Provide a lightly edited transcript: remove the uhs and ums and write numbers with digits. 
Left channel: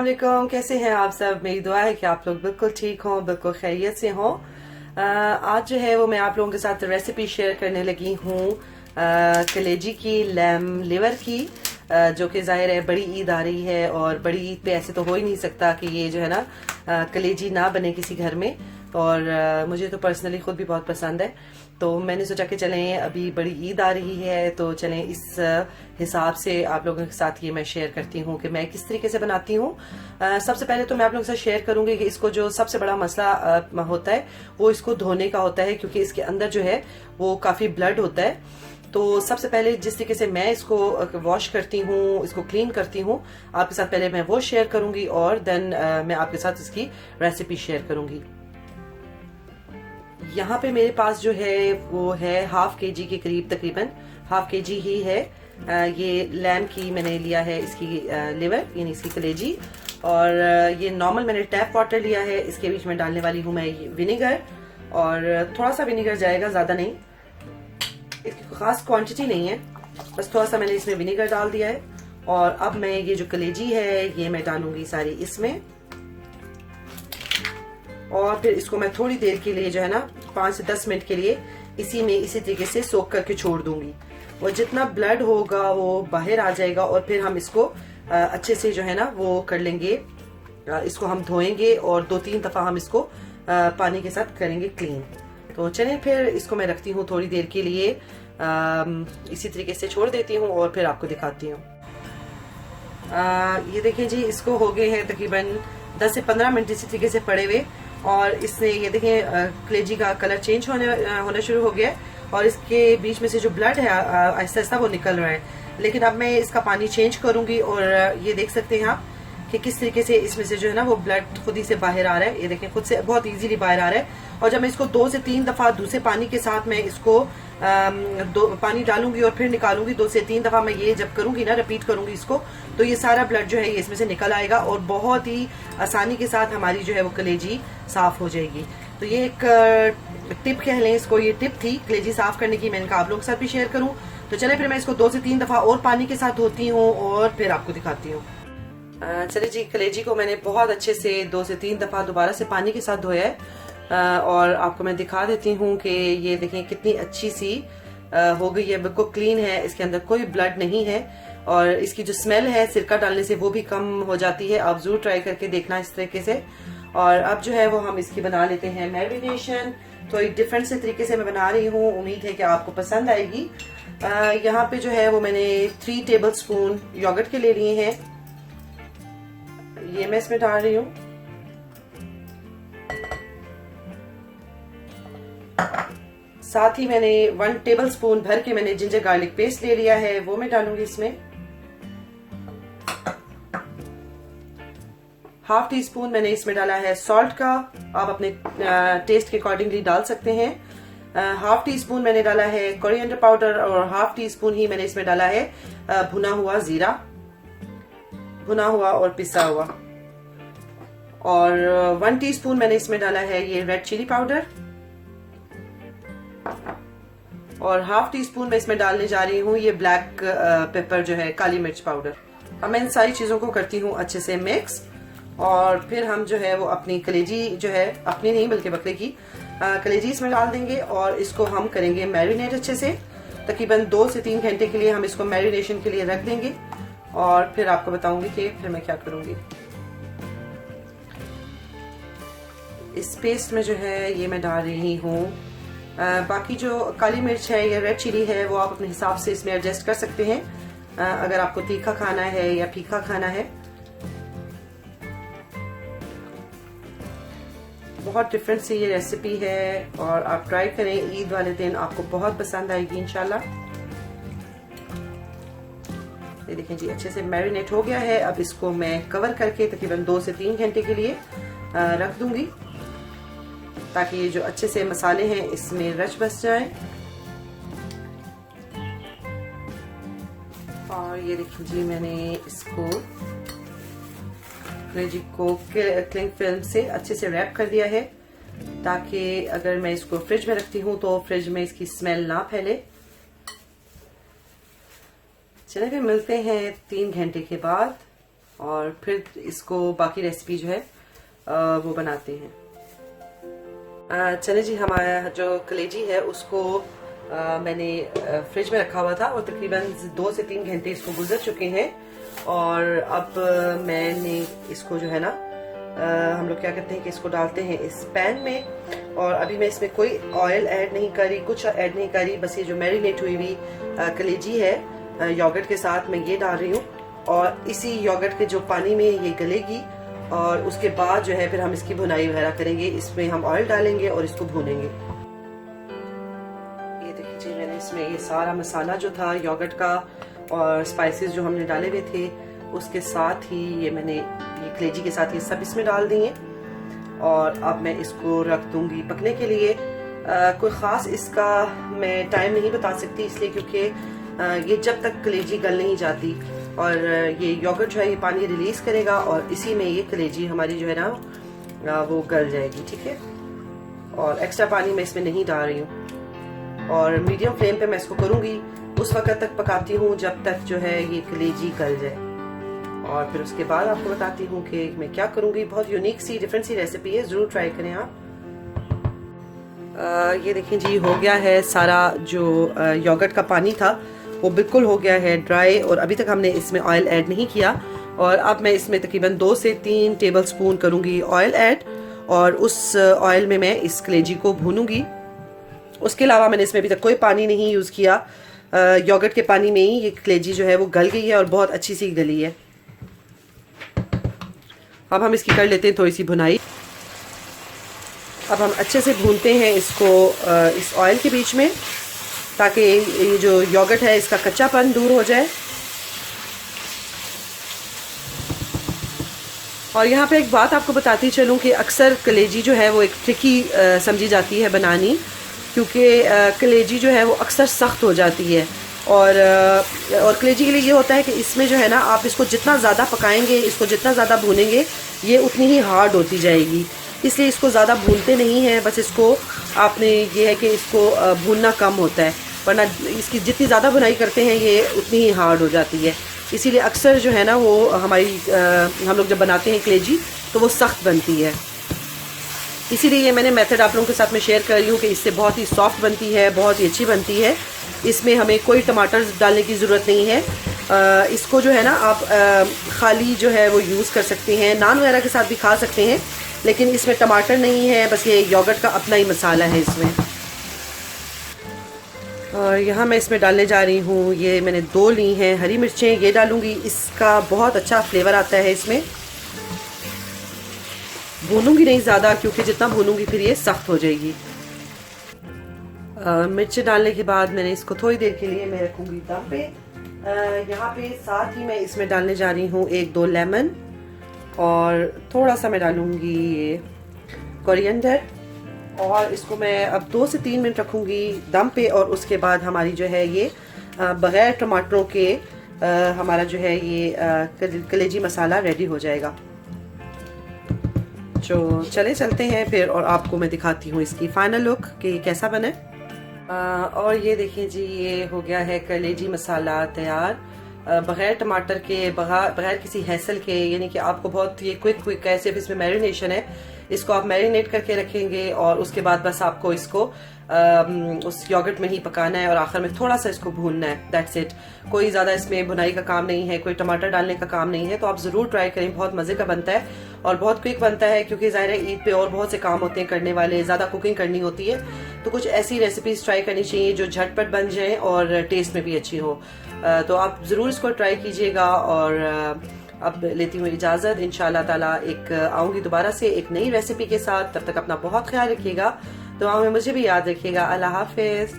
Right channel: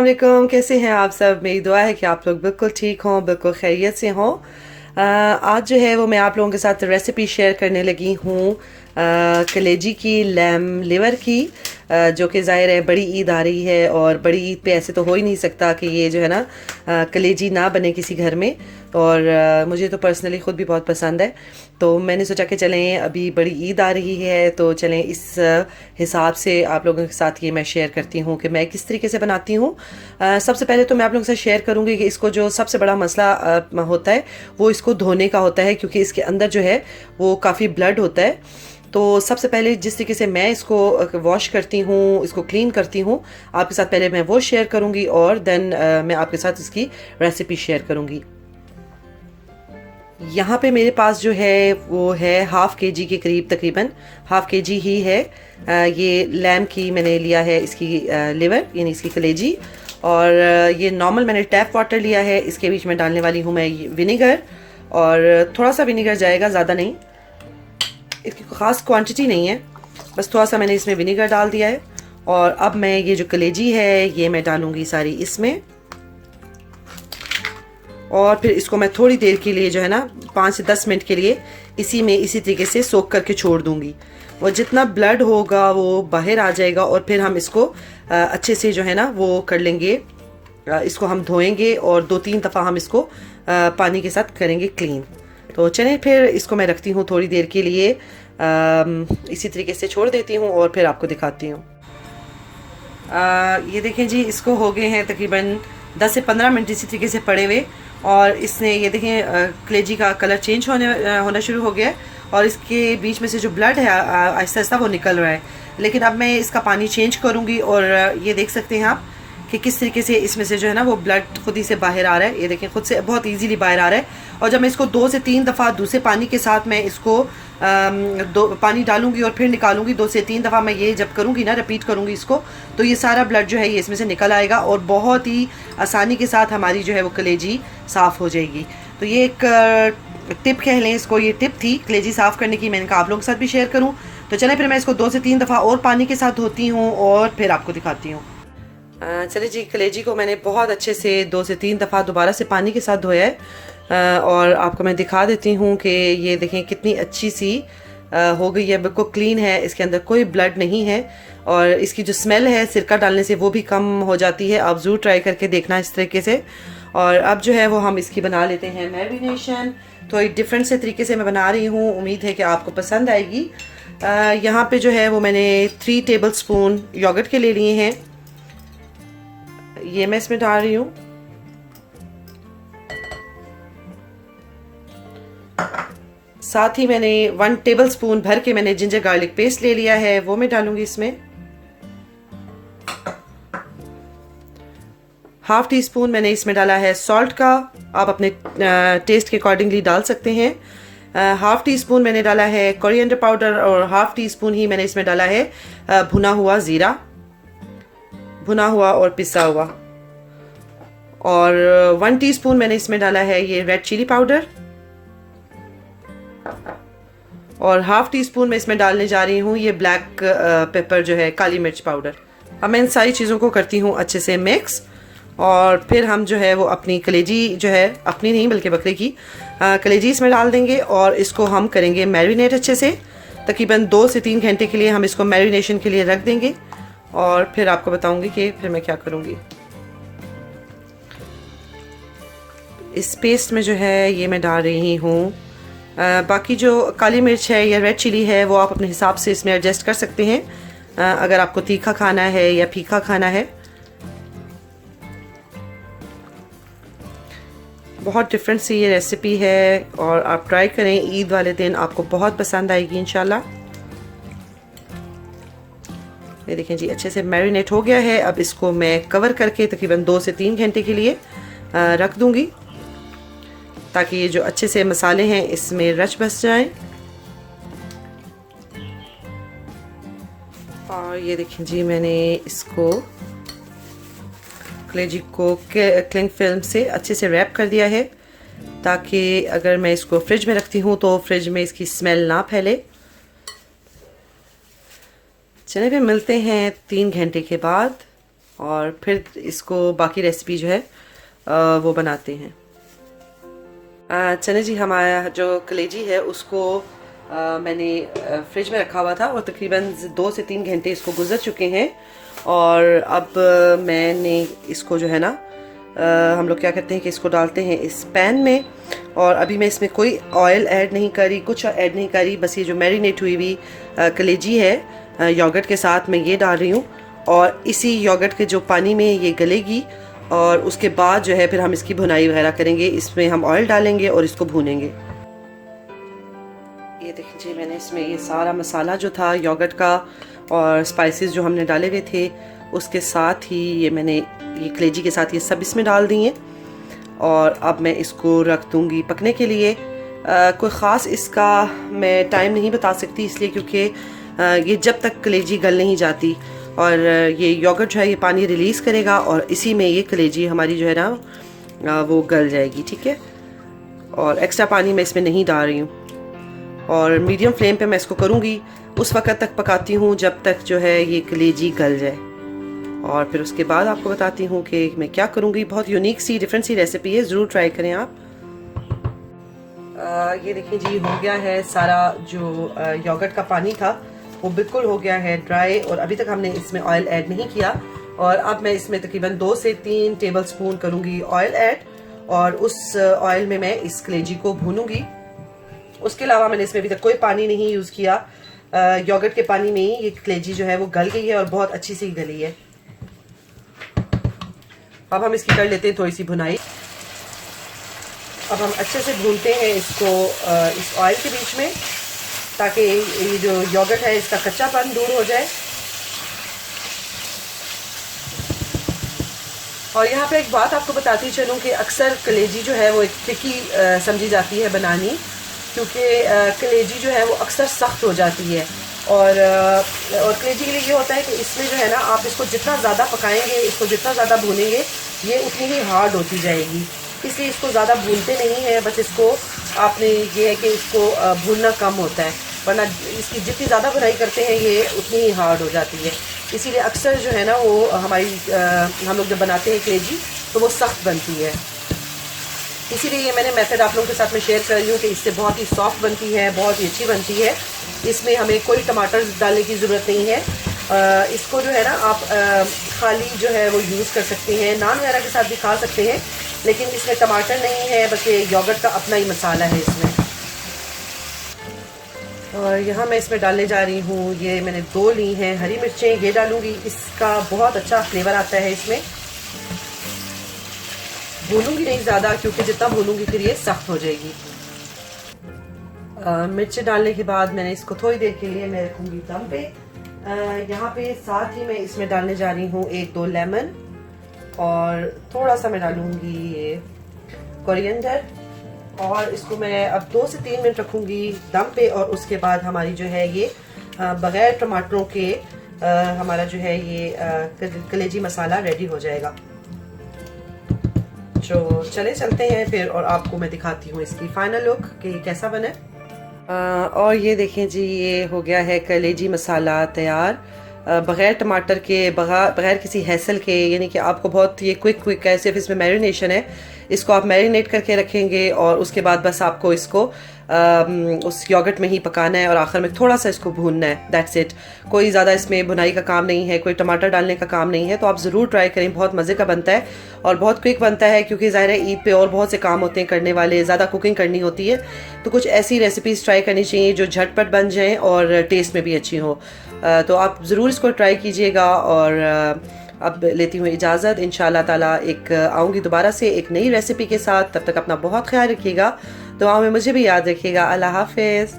वालेकुम, कैसे हैं आप सब। मेरी दुआ है कि आप लोग बिल्कुल ठीक हों, बिल्कुल खैरियत से हों। आज जो है वो मैं आप लोगों के साथ रेसिपी शेयर करने लगी हूँ कलेजी की, लैम लिवर की, जो कि ज़ाहिर है बड़ी ईद आ रही है और बड़ी ईद पे ऐसे तो हो ही नहीं सकता कि ये जो है ना कलेजी ना बने किसी घर में। और मुझे तो पर्सनली ख़ुद भी बहुत पसंद है, तो मैंने सोचा कि चलें अभी बड़ी ईद आ रही है तो चलें इस हिसाब से आप लोगों के साथ ये मैं शेयर करती हूँ कि मैं किस तरीके से बनाती हूँ। सबसे पहले तो मैं आप लोगों से शेयर करूँगी कि इसको जो सबसे बड़ा मसला होता है वो इसको धोने का होता है, क्योंकि इसके अंदर जो है वो काफ़ी ब्लड होता है। तो सबसे पहले जिस तरीके से मैं इसको वॉश करती हूँ, इसको क्लीन करती हूँ, आपके साथ पहले मैं वो शेयर करूँगी और देन मैं आपके साथ इसकी रेसिपी शेयर करूँगी। यहाँ पे मेरे पास जो है वो है हाफ़ के जी के करीब, तकरीबन हाफ़ के जी ही है। ये लैम की मैंने लिया है, इसकी लिवर यानी इसकी कलेजी। और ये नॉर्मल मैंने टैप वाटर लिया है। इसके बीच में डालने वाली हूँ मैं विनेगर, और थोड़ा सा विनेगर जाएगा, ज़्यादा नहीं, इसकी ख़ास क्वांटिटी नहीं है, बस थोड़ा सा मैंने इसमें विनेगर डाल दिया है। और अब मैं ये जो कलेजी है ये मैं डालूँगी सारी इसमें, और फिर इसको मैं थोड़ी देर के लिए जो है ना 5 से 10 मिनट के लिए इसी में इसी तरीके से सोख करके छोड़ दूंगी। और जितना ब्लड होगा वो बाहर आ जाएगा, और फिर हम इसको अच्छे से जो है ना वो कर लेंगे, इसको हम धोएंगे और 2-3 दफ़ा हम इसको पानी के साथ करेंगे क्लीन। तो चलें फिर इसको मैं रखती हूँ थोड़ी देर के लिए, इसी तरीके से छोड़ देती हूँ और फिर आपको दिखाती हूँ। ये देखें जी, इसको हो गए हैं तकरीबन 10 से 15 मिनट इसी तरीके से पड़े हुए, और इसने ये देखें कलेजी का कलर चेंज होना शुरू हो गया है, और इसके बीच में से जो ब्लड है आहिस्ता आहिस्ता वो निकल रहा है। लेकिन अब मैं इसका पानी चेंज करूँगी, और ये देख सकते हैं आप कि किस तरीके से इसमें से जो है ना वो ब्लड खुद ही से बाहर आ रहा है। ये देखें, खुद से बहुत इजीली बाहर आ रहा है। और जब मैं इसको 2 से 3 दफ़ा दूसरे पानी के साथ मैं इसको दो पानी डालूंगी और फिर निकालूंगी, 2 से 3 दफ़ा मैं ये जब करूंगी ना, रिपीट करूंगी इसको, तो ये सारा ब्लड जो है ये इसमें से निकल आएगा और बहुत ही आसानी के साथ हमारी जो है वो कलेजी साफ़ हो जाएगी। तो ये एक टिप कह लें इसको, ये टिप थी कलेजी साफ़ करने की, मैंने कहा आप लोगों के साथ भी शेयर करूँ। तो चले फिर मैं इसको 2 से 3 दफ़ा और पानी के साथ धोती हूँ और फिर आपको दिखाती हूँ। चले जी, कलेजी को मैंने बहुत अच्छे से 2 से 3 दफ़ा दोबारा से पानी के साथ धोया है, और आपको मैं दिखा देती हूँ कि ये देखें कितनी अच्छी सी हो गई है, बिल्कुल क्लीन है, इसके अंदर कोई ब्लड नहीं है। और इसकी जो स्मेल है सिरका डालने से वो भी कम हो जाती है। आप ज़रूर ट्राई करके देखना इस तरीके से। और अब जो है वो हम इसकी बना लेते हैं मैरिनेशन। तो एक डिफरेंट से तरीके से मैं बना रही हूँ, उम्मीद है कि आपको पसंद आएगी। यहाँ पे जो है वो मैंने 3 टेबल स्पून योगर्ट के ले लिए हैं, ये मैं इसमें डाल रही हूँ। साथ ही मैंने 1 टेबल स्पून भर के मैंने जिंजर गार्लिक पेस्ट ले लिया है, वो मैं डालूंगी इसमें। हाफ टी स्पून मैंने इसमें डाला है सॉल्ट का, आप अपने टेस्ट के अकॉर्डिंगली डाल सकते हैं। हाफ टी स्पून मैंने डाला है कोरिएंडर पाउडर, और हाफ टी स्पून ही मैंने इसमें डाला है भुना हुआ ज़ीरा, भुना हुआ और पिसा हुआ। और 1 टीस्पून मैंने इसमें डाला है ये रेड चिली पाउडर, और हाफ टी स्पून मैं इसमें डालने जा रही हूँ ये ब्लैक पेपर जो है, काली मिर्च पाउडर। अब मैं इन सारी चीज़ों को करती हूँ अच्छे से मिक्स, और फिर हम जो है वो अपनी कलेजी जो है, अपनी नहीं बल्कि बकरे की कलेजी इसमें डाल देंगे, और इसको हम करेंगे मैरिनेट अच्छे से। तकरीबन 2 से 3 घंटे के लिए हम इसको मैरिनेशन के लिए रख देंगे, और फिर आपको बताऊँगी कि फिर मैं क्या करूँगी। इस पेस्ट में जो है ये मैं डाल रही हूँ बाकी जो काली मिर्च है या रेड चिली है वो आप अपने हिसाब से इसमें एडजस्ट कर सकते हैं, अगर आपको तीखा खाना है या फीका खाना है। बहुत डिफरेंट सी ये रेसिपी है, और आप ट्राई करें, ईद वाले दिन आपको बहुत पसंद आएगी इंशाल्लाह। ये देखें जी, अच्छे से मैरिनेट हो गया है। अब इसको मैं कवर करके तकरीबन 2 से 3 घंटे के लिए रख दूंगी, ताकि ये जो अच्छे से मसाले हैं इसमें रच बस जाएं। और ये देखें जी, मैंने इसको कलेजी को क्लिंग फिल्म से अच्छे से रैप कर दिया है, ताकि अगर मैं इसको फ्रिज में रखती हूँ तो फ्रिज में इसकी स्मेल ना फैले। चलिए फिर मिलते हैं 3 घंटे के बाद, और फिर इसको बाकी रेसिपी जो है वो बनाते हैं। चले जी, हमारा जो कलेजी है उसको मैंने फ्रिज में रखा हुआ था और तकरीबन 2 से 3 घंटे इसको गुजर चुके हैं। और अब मैंने इसको जो है ना हम लोग क्या करते हैं कि इसको डालते हैं इस पैन में। और अभी मैं इसमें कोई ऑयल ऐड नहीं करी, कुछ ऐड नहीं करी, बस ये जो मैरिनेट हुई हुई कलेजी है योगर्ट के साथ मैं ये डाल रही हूँ। और इसी योगर्ट के जो पानी में ये गलेगी और उसके बाद जो है फिर हम इसकी भुनाई वगैरह करेंगे। इसमें हम ऑयल डालेंगे और इसको भूनेंगे। ये देखिए मैंने इसमें ये सारा मसाला जो था योगर्ट का और स्पाइसेस जो हमने डाले हुए थे उसके साथ ही ये मैंने ये कलेजी के साथ ये सब इसमें डाल दिए। और अब मैं इसको रख दूँगी पकने के लिए। कोई ख़ास इसका मैं टाइम नहीं बता सकती, इसलिए क्योंकि ये जब तक कलेजी गल नहीं जाती और ये योगर्ट जो है ये पानी रिलीज़ करेगा और इसी में ये कलेजी हमारी जो है ना वो गल जाएगी। ठीक है, और एक्स्ट्रा पानी मैं इसमें नहीं डाल रही हूँ। और मीडियम फ्लेम पे मैं इसको करूँगी, उस वक्त तक पकाती हूँ जब तक जो है ये कलेजी गल जाए। और फिर उसके बाद आपको बताती हूँ कि मैं क्या करूँगी। बहुत यूनिक सी डिफरेंट सी रेसिपी है, ज़रूर ट्राई करें आप। ये देखिए जी, हो गया है सारा जो योगर्ट का पानी था वो बिल्कुल हो गया है ड्राई और अभी तक हमने इसमें ऑयल ऐड नहीं किया। और अब मैं इसमें तकरीबन 2 से 3 टेबलस्पून करूँगी ऑयल ऐड और उस ऑयल में मैं इस कलेजी को भूनूंगी। उसके अलावा मैंने इसमें अभी तक कोई पानी नहीं यूज़ किया। योगर्ट के पानी में ही ये कलेजी जो है वो गल गई है और बहुत अच्छी सी गली है। अब हम इसकी कर लेते हैं थोड़ी सी भुनाई। अब हम अच्छे से भूनते हैं इसको इस ऑयल के बीच में, ताकि ये जो योगर्ट है इसका कच्चापन दूर हो जाए। और यहाँ पे एक बात आपको बताती चलूँ कि अक्सर कलेजी जो है वो एक ट्रिकी समझी जाती है बनानी, क्योंकि कलेजी जो है वो अक्सर सख्त हो जाती है। और कलेजी के लिए ये होता है कि इसमें जो है ना आप इसको जितना ज़्यादा पकाएंगे, इसको जितना ज़्यादा भूनेंगे, ये उतनी ही हार्ड होती जाएगी। इसलिए इसको ज़्यादा भूनते नहीं हैं, बस इसको आपने ये है कि इसको भूनना कम होता है, वरना इसकी जितनी ज़्यादा भुनाई करते हैं ये उतनी ही हार्ड हो जाती है। इसीलिए अक्सर जो है ना वो हमारी हम लोग जब बनाते हैं कलेजी तो वो सख्त बनती है। इसीलिए ये मैंने मेथड आप लोगों के साथ में शेयर कर रही हूँ कि इससे बहुत ही सॉफ्ट बनती है, बहुत ही अच्छी बनती है। इसमें हमें कोई टमाटर डालने की ज़रूरत नहीं है। इसको जो है ना आप खाली जो है वो यूज़ कर सकते हैं, नान वगैरह के साथ भी खा सकते हैं, लेकिन इसमें टमाटर नहीं है, बस ये योगर्ट का अपना ही मसाला है इसमें। और यहाँ मैं इसमें डालने जा रही हूँ, ये मैंने 2 ली हैं हरी मिर्चें, ये डालूँगी। इसका बहुत अच्छा फ्लेवर आता है इसमें। भूनूंगी नहीं ज़्यादा, क्योंकि जितना भूनूंगी फिर ये सख्त हो जाएगी। मिर्च डालने के बाद मैंने इसको थोड़ी देर के लिए मैं रखूँगी दम पे। यहाँ पे साथ ही मैं इसमें डालने जा रही हूँ 1-2 लेमन और थोड़ा सा मैं डालूँगी ये कोरिएंडर। और इसको मैं अब 2 से 3 मिनट रखूँगी दम पे। और उसके बाद हमारी जो है ये बग़ैर टमाटरों के हमारा जो है ये कलेजी मसाला रेडी हो जाएगा। तो चले चलते हैं फिर और आपको मैं दिखाती हूँ इसकी फाइनल लुक कि कैसा बने। और ये देखें जी, ये हो गया है कलेजी मसाला तैयार, बग़ैर टमाटर के, बग़ैर किसी हैसल के। यानी कि आपको बहुत ये क्विक है, सिर्फ इसमें मैरिनेशन है। इसको आप मैरिनेट करके रखेंगे और उसके बाद बस आपको इसको उस योगर्ट में ही पकाना है और आखिर में थोड़ा सा इसको भूनना है, दैट्स इट। कोई ज़्यादा इसमें भुनाई का काम नहीं है, कोई टमाटर डालने का काम नहीं है। तो आप ज़रूर ट्राई करें, बहुत मज़े का बनता है और बहुत क्विक बनता है, क्योंकि ज़ाहिर है ईद पे और बहुत से काम होते हैं करने वाले, ज़्यादा कुकिंग करनी होती है। तो कुछ ऐसी रेसिपीज़ ट्राई करनी चाहिए जो झटपट बन जाएँ और टेस्ट में भी अच्छी हो। तो आप ज़रूर इसको ट्राई कीजिएगा। और अब लेती हूँ इजाज़त, इंशाअल्लाह ताला एक आऊँगी दोबारा से एक नई रेसिपी के साथ। तब तक अपना बहुत ख्याल रखिएगा, दुआ में मुझे भी याद रखिएगा। अल्लाह हाफ़िज़।